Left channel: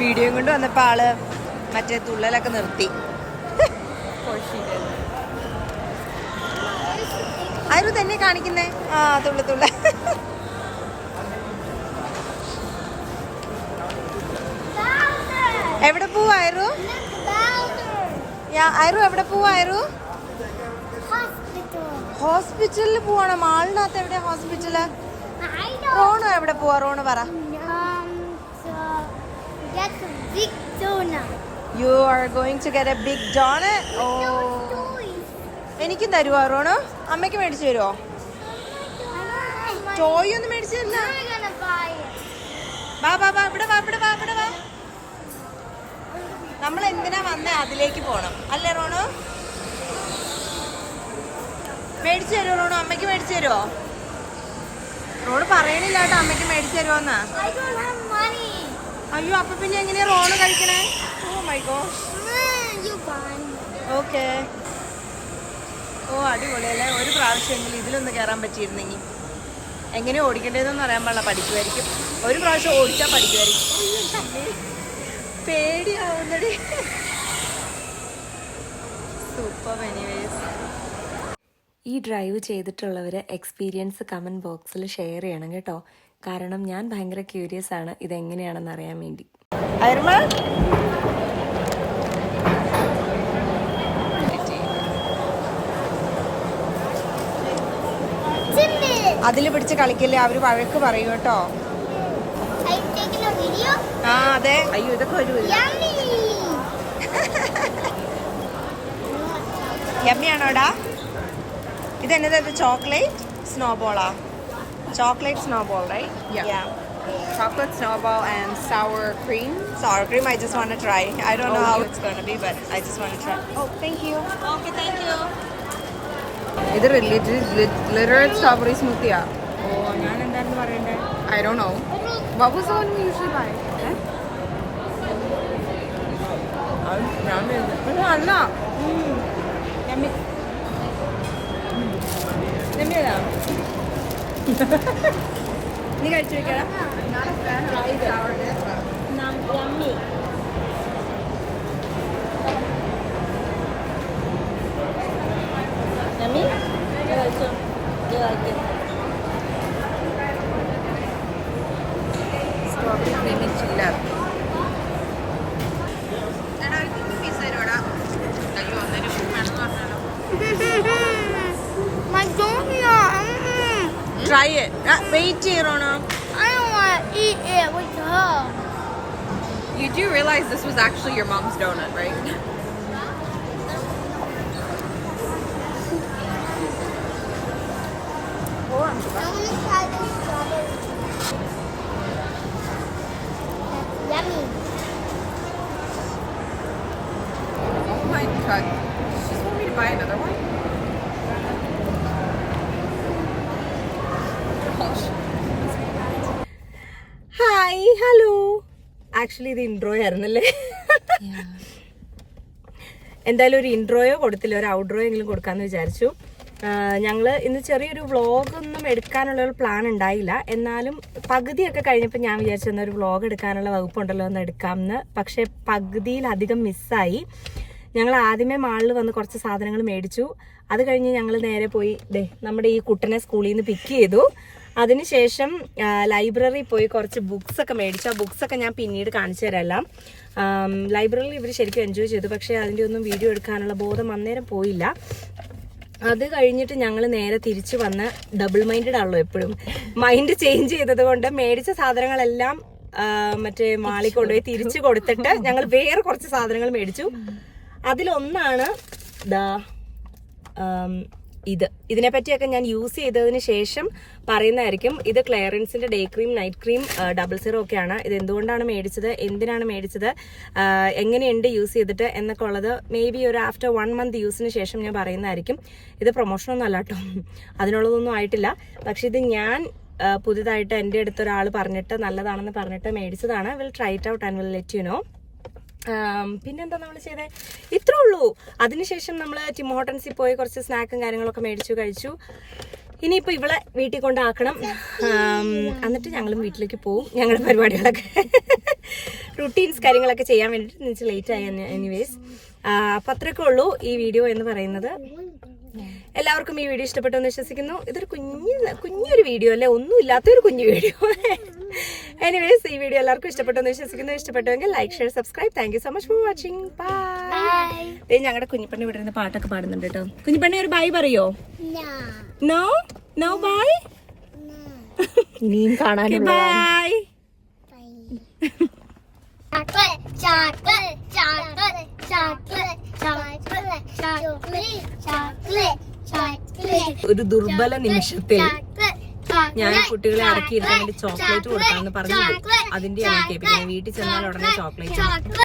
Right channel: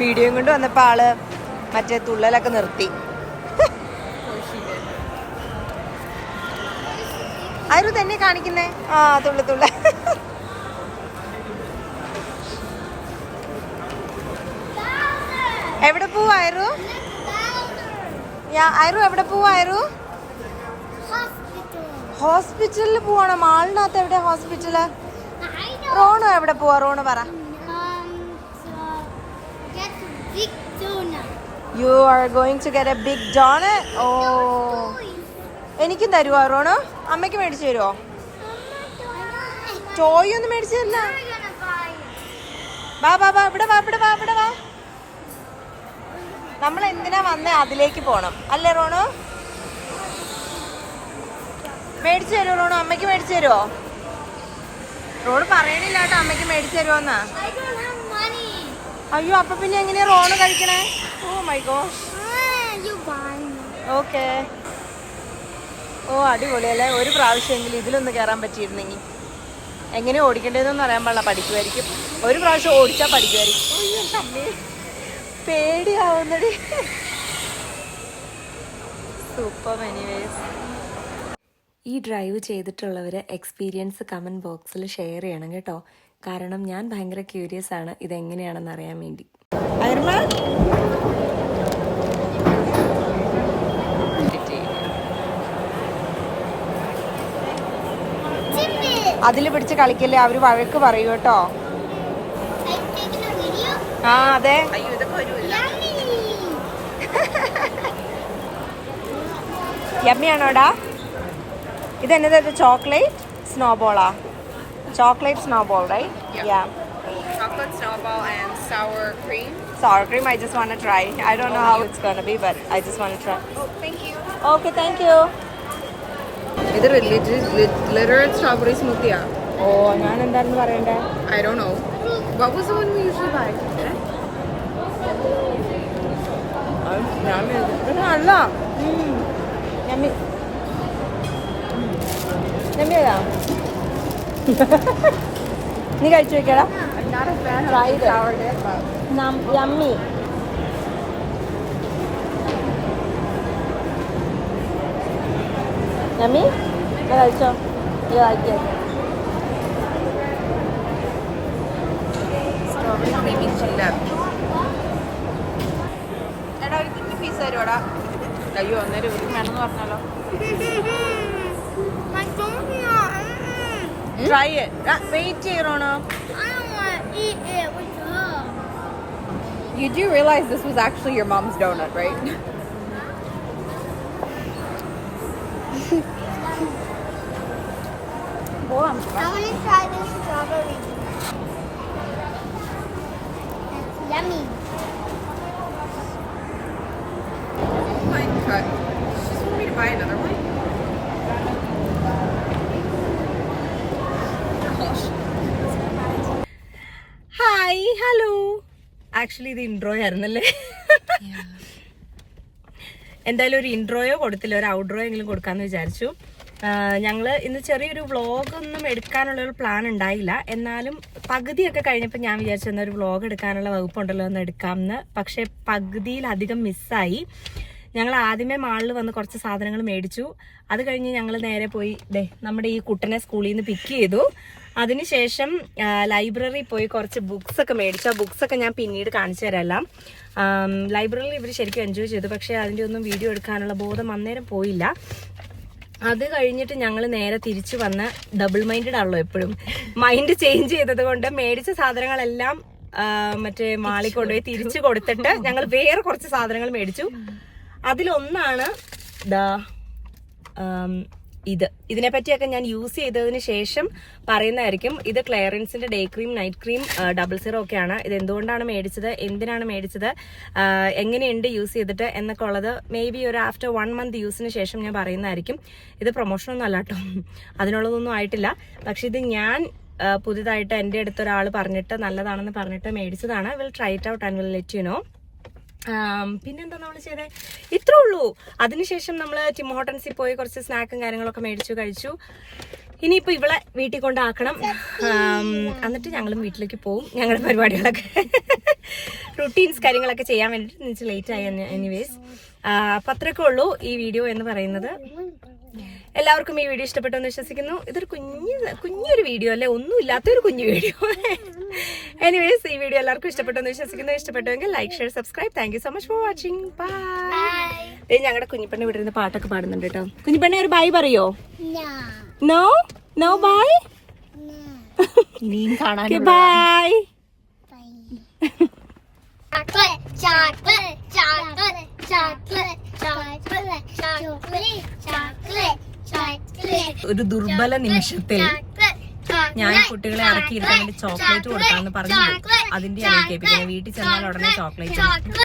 വീഡിയോയും കൊണ്ട് വന്നപ്പോ ആള് മറ്റേ തുള്ളലൊക്കെ നിർത്തി. ആരും തന്നെ കാണിക്കുന്നേ. ആ തുള്ള എവിടെ പോവായിരുന്നു? ആയിരു എവിടെ പോവായിരുന്നു? ഹോസ്പിറ്റലിൽ പോവാണോ? മാളിനകത്ത് എവിടെ ഹോസ്പിറ്റല്? റോണോ എവിടെ പോവാ? റോണ് പറ. You are going to get a big donut? Oh. എനിക്കും തരുവോ റോണോ? അമ്മയ്ക്ക് മേടിച്ചു തരുവോ? ടോയ് ഒന്നും മേടിച്ചു തരില്ല. വാ വാ വാ ഇവിടെ വാ ഇവിടെ വാ ഇവിടെ വാ. നമ്മൾ എന്തിനാ വന്നേ? അതിലേക്ക് പോണം അല്ലേ റോണോ? മേടിച്ചു തരുമോ റോണോ? അമ്മയ്ക്ക് മേടിച്ചു തരുമോ? റോണ് പറയണില്ല കേട്ടോ അമ്മയ്ക്ക് മേടിച്ചു തരുമോന്നാ. അയ്യോ അപ്പൊ പിന്നെ എങ്ങനെയാ റോണ് കഴിക്കണേ? Oh my god. ഓക്കെ. ഓ അടിപൊളിയല്ലേ. ഒരു പ്രാവശ്യമെങ്കിലും ഇതിലൊന്ന് കയറാൻ പറ്റിയിരുന്നെങ്കിൽ. എങ്ങനെ ഓടിക്കേണ്ടതെന്നൊന്നും അറിയാൻ പാടില്ല. പഠിക്കുമായിരിക്കും. ഒരു പ്രാവശ്യം ഓടിച്ചാൽ പഠിക്കുമായിരിക്കും. പേടിയാവുന്നടി. സൂപ്പർ. എനിവേസ് ഈ ഡ്രൈവ് ചെയ്തിട്ടുള്ളവർ എക്സ്പീരിയൻസ് കമൻറ്റ് ബോക്സിൽ ഷെയർ ചെയ്യണം കേട്ടോ. കാരണം ഞാൻ ഭയങ്കര ക്യൂരിയസ് ആണ് ഇതെങ്ങനെയാണെന്ന് അറിയാൻ വേണ്ടി. അതില് പിടിച്ച് കളിക്കല്ലേ, അവര് വഴക്ക് പറയൂ കേട്ടോ. ആ അതെ. യമ്മിയാണോടാ? ഇതെന്നത്? ചോക്ലേറ്റ് സ്നോബോളാ? Chocolate snowball, right? Yeah. Chocolate snowball and sour cream. Sour cream, I just want to try. I don't know how it's going to be, but I just want to try. Oh, thank you. Okay, thank you. Is it literal strawberry smoothie? Oh, ഞാൻ എന്താണെന്ന് പറയണ്ടേ? I don't know. What was the one we usually buy? ഞാൻ പക്ഷെ നല്ല യമ്മിയതാ. നീ കഴിച്ചു നോക്കിയടാ. Yummy. Yummy കഴിച്ചോ? കഴിക്കും. Strawberry creamy chiller. അയ്യോ ഒന്നര ഒരു കാണുന്ന പറഞ്ഞാലോ. Try it. Wait ചെയ്യണോ? You do realize this was actually your mom's donut, right? Yummy. Oh my god. She's telling me to buy another one? Hi hello. Actually ഇത് intro ആയിരുന്നല്ലേ. എന്തായാലും ഒരു ഇൻട്രോയോ കൊടുത്തില്ല, ഒരു ഔട്ട്ട്രോ എങ്കിലും കൊടുക്കാമെന്ന് വിചാരിച്ചു. ഞങ്ങൾ ഇന്ന് ചെറിയൊരു വ്ളോഗൊന്നും എടുക്കാനുള്ള ഒരു പ്ലാൻ ഉണ്ടായില്ല. എന്നാലും പകുതിയൊക്കെ കഴിഞ്ഞപ്പോൾ ഞാൻ വിചാരിച്ചു എന്നൊരു വ്ളോഗ് എടുക്കാനുള്ള വകുപ്പുണ്ടല്ലോ എന്ന് എടുക്കാമെന്ന്. പക്ഷേ പകുതിയിലധികം മിസ്സായി. ഞങ്ങൾ ആദ്യമേ മാളിൽ വന്ന് കുറച്ച് സാധനങ്ങൾ മേടിച്ചു. അത് കഴിഞ്ഞ് ഞങ്ങൾ നേരെ പോയി നമ്മുടെ ഈ കുട്ടനെ സ്കൂളിൽ നിന്ന് പിക്ക് ചെയ്തു. അതിനുശേഷം ലൈബ്രറി പോയി കുറച്ച് ബുക്സ് ഒക്കെ മേടിച്ചു. ആ ബുക്സ് ഒക്കെ ഞാൻ പിന്നീട് കാണിച്ചു തരാം. ലൈബ്രറിയിൽ ഇവർ ശരിക്കും എൻജോയ് ചെയ്തു. പക്ഷേ അതിൻ്റെ ഒന്നും വീഡിയോ എടുക്കാനുള്ള ബോധം അന്നേരം പോയില്ല. അത് കഴിഞ്ഞിട്ട് ഞങ്ങൾ നേരെ തിരിച്ചു വന്ന് ഡബിൾ മൈൻഡഡ് ആണല്ലോ എപ്പോഴും. മൈൻഡ് ചേഞ്ച് ചെയ്തത് കൊണ്ട് മേടിച്ച സാധനങ്ങളെല്ലാം മറ്റേ മാളിൽ കൊണ്ടുപോയി തിരിച്ചു കൊടുത്തിട്ട് ഞങ്ങൾ വേറെ കുറച്ച് സാധനങ്ങൾ മേടിച്ചു. അതിലൊന്നാണ് ഇതിനെ പറ്റിയൊക്കെ ഞാൻ യൂസ് ചെയ്തതിന് ശേഷം പറയുന്നതായിരിക്കും. ഇത് ക്ലെയറൻസിന്റെ day cream, night cream, double zero ഒക്കെയാണ്. ഇത് എന്തുകൊണ്ടാണ് മേടിച്ചത്, എന്തിനാണ് മേടിച്ചത്, എങ്ങനെയുണ്ട് യൂസ് ചെയ്തിട്ട് എന്നൊക്കെ ഉള്ളത് മേ ബി ഒരു ആഫ്റ്റർ 1 month യൂസിന് ശേഷം ഞാൻ പറയുന്നതായിരിക്കും. ഇത് പ്രൊമോഷനൊന്നും അല്ല കേട്ടോ, അതിനുള്ളതൊന്നും ആയിട്ടില്ല. പക്ഷെ ഇത് ഞാൻ പുതുതായിട്ട് എൻ്റെ അടുത്ത് ഒരാൾ പറഞ്ഞിട്ട് നല്ലതാണെന്ന് പറഞ്ഞിട്ട് മേടിച്ചതാണ്. Will try it out and will let you know. പിന്നെന്താ നമ്മൾ ചെയ്തേ? ഇത്രേ ഉള്ളൂ. അതിനുശേഷം നമ്മൾ ടിം ഹോട്ടൻസിൽ പോയി കുറച്ച് സ്നാക്കും കാര്യങ്ങളൊക്കെ മേടിച്ചു കഴിച്ചു. ഇനിയിപ്പോൾ ഇവളെ വീട്ടിൽ കൊണ്ടാക്കണം. എന്നിട്ട് ഞങ്ങളും വീട്ടിലേക്ക് പോവും. ഞങ്ങളുടെ പരിപാടികളൊക്കെ റുട്ടീൻസ് കാര്യങ്ങളൊക്കെ ചെയ്യാൻ വേണ്ടിയിട്ട് എനിക്ക് ലേറ്റ് ആയി. എനിവേസ് അപ്പം അത്രയൊക്കെ ഉള്ളൂ ഈ വീഡിയോ എന്ന് പറയുന്നത്. എല്ലാവർക്കും ഈ വീഡിയോ ഇഷ്ടപ്പെട്ടു എന്ന് വിശ്വസിക്കുന്നു. ഇതൊരു കുഞ്ഞൊരു വീഡിയോ അല്ലേ, ഒന്നും ഇല്ലാത്തൊരു കുഞ്ഞു വീഡിയോ. എനിവേസ് ഈ വീഡിയോ എല്ലാവർക്കും ഇഷ്ടപ്പെട്ടു എന്ന് വിശ്വസിക്കുന്നു. ഇഷ്ടപ്പെട്ടുവെങ്കിൽ like, share, subscribe. Thank you so much for watching. Bye. ഞങ്ങളുടെ കുഞ്ഞിപ്പണ്ണി ഇവിടെ നിന്ന് പാട്ടൊക്കെ പാടുന്നുണ്ട് കേട്ടോ. കുഞ്ഞിപ്പണ്ണി ഒരു ബൈ പറയോ? No no bye. ഇനിയും കാണാൻ ബൈ. ഒരു ദുർബല നിമിഷത്തിൽ ഞാൻ കുട്ടികളെ അടക്കിയിരുത്താൻ വേണ്ടി ചോക്ലേറ്റ് കൊടുക്കാമെന്ന് പറഞ്ഞു. അതിന്റെ ആണ് കേൾപ്പിക്കുന്നത്. വീട്ടിൽ ചെന്നാൽ ഉടനെ ചോക്ലേറ്റ്.